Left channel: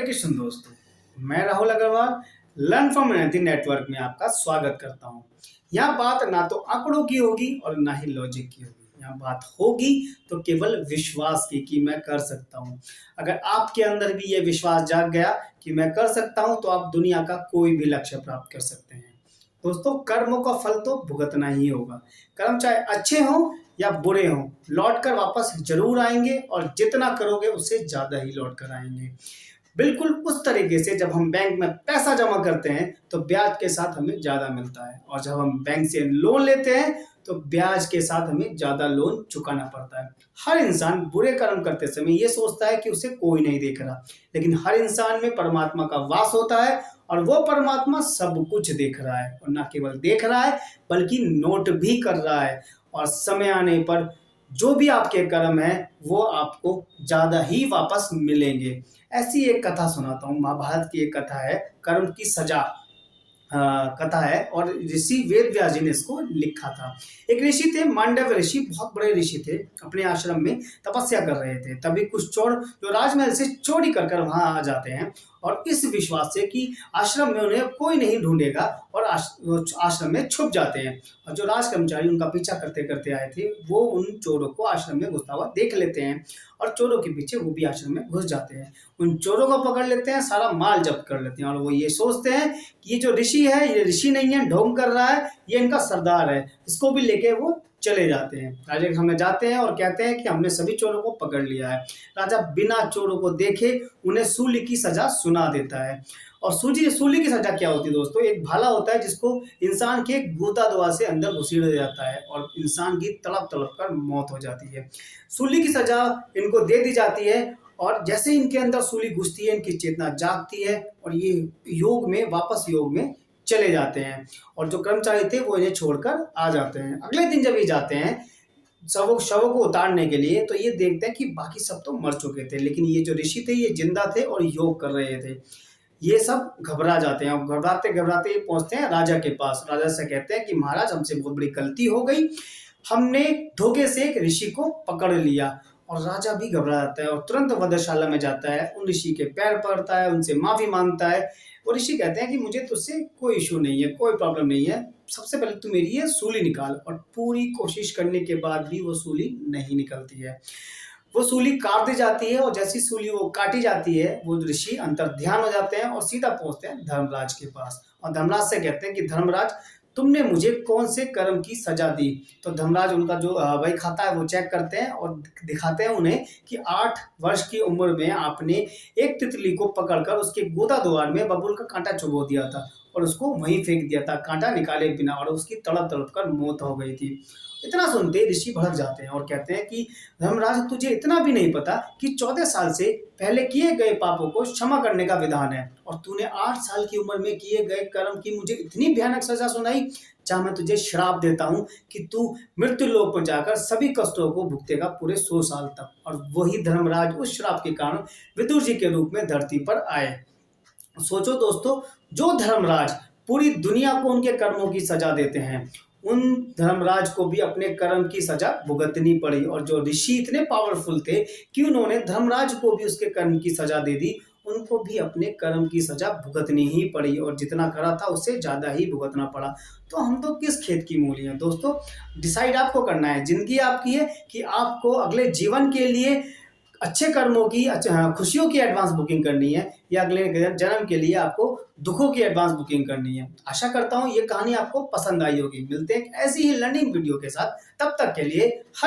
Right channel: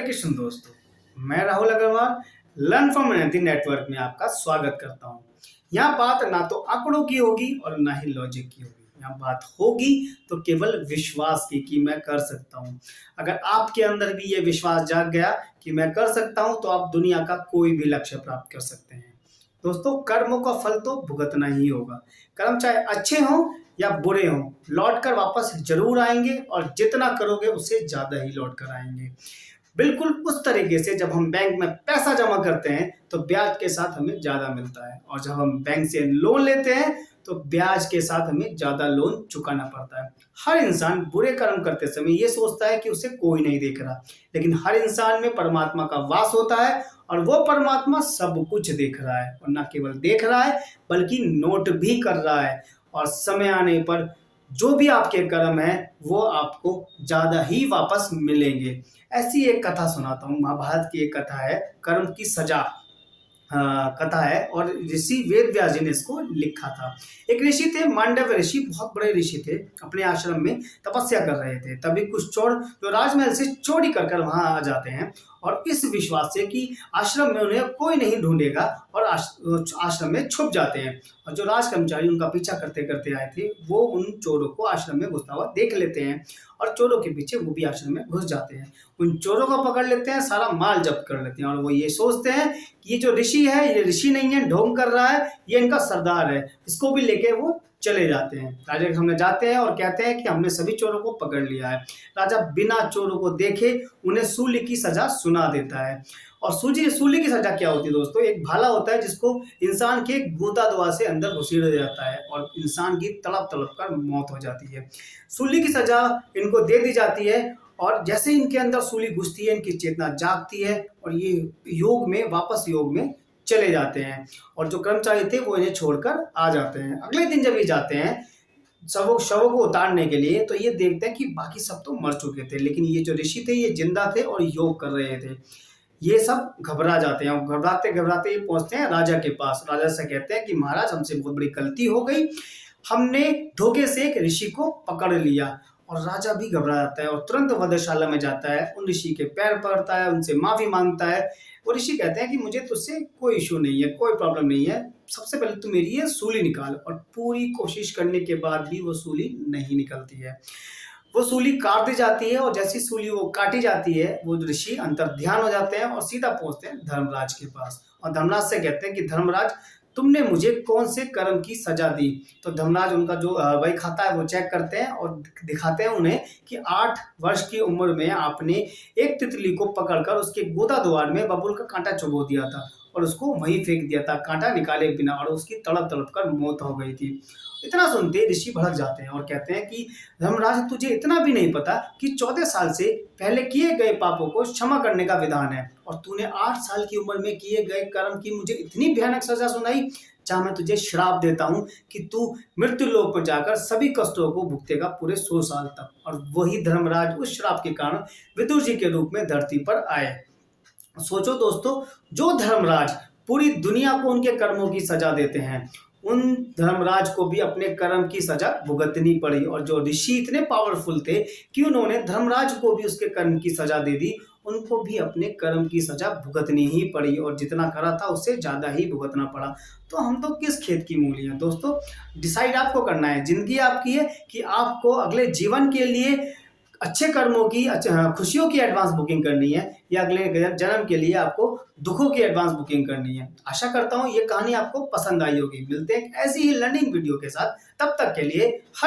हरे कृष्ण दोस्तों, मैं Rahul Agarwal learn from energy network में आपका स्वागत करता हूँ। यहाँ बात ना तो आंकड़ों की होगी और ना ही लॉजिक की होगी। यहाँ बात होगी तो केवल विश्वास की कि मैं कर सकता हूँ। अगर आपके अंदर भी ये विश्वास जाग गया कि मैं कर सकता हूँ तो आप दुनिया का कोई भी लक्ष्य प्राप्त कर सकते हैं। दोस्तों, कर्मों का फल तो भुगतना ही होगा। कर्म चाहे अच्छे हों या बुरे हों, लौट कर वापस जरूर आएंगे और जितना करोगे उससे ज्यादा ही लौट कर आएंगे। बिल्कुल उस तरीके से जब हम बैंक में पैसा जमा करते हैं तो ब्याज के साथ हमें ज़्यादा मिलता है, और जब हम बैंक से लोन लेते हैं तो ब्याज के साथ हमें ज़्यादा लोन चुकाना पड़ता है। हर इंसान बुरे कर्म करते समय ये सोचता है कि उसे कोई नहीं देख रहा, लेकिन हर इंसान में परमात्मा का वास होता है और वो परमात्मा सब कुछ देख रहा है, और न केवल देख रहा है बल्कि नोट भी कर रहा है। और समय आने पर जो भी आपके कर्म है वो आपको ज़्यादा ही वापस मिलेंगे। ऐसी एक कथा सुनाता हूँ, महाभारत की एक कथा है, कर्म की सजा कथा है, और ऋषि वेद व्यास जी ने इसको लिखा था। एक ऋषि थे, मांडव ऋषि, बहुत बड़े ऋषि थे, अपने आश्रम में तपस्या कर रहे थे। तभी कुछ चोर जो राजमहल से चोरी कर कर वहां आ जाते हैं, और इस विश्वास से कि आश्रम में उन्हें कोई नहीं ढूंढेगा, और आश्रम में छुप जाते हैं। और जो राज कर्मचारी उनका पीछा करते करते आए थे वो उन चोरों को आश्रम में घुसता हुआ देख लेते हैं, और चोरों के पीछे वो भी आश्रम में घुस जाते हैं। उन चोरों को पकड़ लेते हैं, सारा माल जब्त कर लेते हैं, और वो ये सोचते हैं कि ये जो ऋषि है ये ऋषि नहीं है, ढोंग कर रहा है, ये इनका सरदार है। इसको भी लेके वो चले जाते हैं, राजा के सामने जाते हैं और कहते हैं कि हमने सभी चोरों को पकड़ लिया है। राजा बिना चोरों को देखे उन्हें सूली की सजा सुना देता है। और सूली की सजा क्या होती है दोस्तों? एक भाला होता है जिसको इंसान के गोता दवा से अंदर घुसेड़ दिया जाता है और इंसान की तड़प तड़प कर मौत हो जाती है। सूली की सजा इनको दे दी जाती है, और जैसे इनके अंदर सूली घुसती है इनकी चेतना जागती है, और ये वापस योग में चले जाते हैं। और जो कर्मचारी थे वो इन्हें छोड़कर आ जाते हैं। अगले दिन जब ये जाते हैं शवों को उतारने के लिए, तो ये देखते हैं कि बाकी सब तो मर चुके थे, लेकिन ये जो ऋषि थे ये जिंदा थे और योग कर रहे थे। ये सब घबरा जाते हैं, और घबराते घबराते ये पहुंचते हैं राजा के पास। राजा से कहते हैं कि महाराज, हमसे बहुत बड़ी गलती हो गई, हमने धोखे से एक ऋषि को पकड़ लिया। और राजा भी घबरा जाता है और तुरंत वधशाला में जाता है, उन ऋषि के पैर पड़ता है, उनसे माफी मांगता है। और ऋषि कहते हैं कि मुझे तुझसे कोई इशू नहीं है, कोई प्रॉब्लम नहीं है, सबसे पहले तू मेरी ये सूली निकाल। और पूरी कोशिश करने के बाद भी वो सूली नहीं निकलती है। वो सूली काट दी जाती है, और जैसी सूली वो काटी जाती है वो ऋषि अंतर्ध्यान हो जाते हैं और सीधा पहुंचते हैं धर्मराज के पास। और धर्मराज से कहते हैं कि धर्मराज, तुमने मुझे कौन से कर्म की सजा दी? तो धर्मराज उनका जो वही खाता है वो चेक करते हैं और दिखाते हैं उन्हें कि 8 वर्ष की उम्र में आपने एक तितली को पकड़कर उसके गोदा द्वार में बबूल का कांटा चुभो दिया था, और उसको वहीं फेंक दिया था कांटा निकाले बिना, और उसकी तड़प तड़प कर मौत हो गई थी। इतना सुनते ऋषि भड़क जाते हैं और कहते हैं कि धर्मराज, तुझे इतना भी नहीं पता कि 14 साल से पहले किए गए पापों को क्षमा करने का विधान है, और तूने 8 साल की उम्र में किए गए कर्म की मुझे इतनी भयानक सजा सुनाई। चाहे मैं तुझे श्राप देता हूँ कि तू मृत्यु लोक पर जाकर सभी कष्टों को भुगतेगा पूरे 100 साल तक। और वही धर्मराज उस श्राप के कारण विदुर जी के रूप में धरती पर आए। सोचो दोस्तों, जो धर्मराज पूरी दुनिया को उनके कर्मों की सजा देते हैं, उन धर्मराज को भी अपने कर्म की सजा भुगतनी पड़ी। और जो ऋषि इतने पावरफुल थे कि उन्होंने धर्मराज को भी उसके कर्म की सजा दे दी, उनको भी अपने कर्म की सजा भुगतनी ही पड़ी, और जितना करा था उससे ज्यादा ही भुगतना पड़ा। तो हम तो किस खेत की मूली हैं दोस्तों? डिसाइड आपको करना है। जिंदगी आपकी है कि आपको अगले जीवन के लिए अच्छे कर्मों की खुशियों की एडवांस बुकिंग करनी है, या अगले जन्म के लिए आपको दुखों की एडवांस बुकिंग करनी है। आशा करता हूँ ये कहानी आपको पसंद आई होगी। मिलते हैं एक ऐसी ही लर्निंग वीडियो के साथ, तब तक के लिए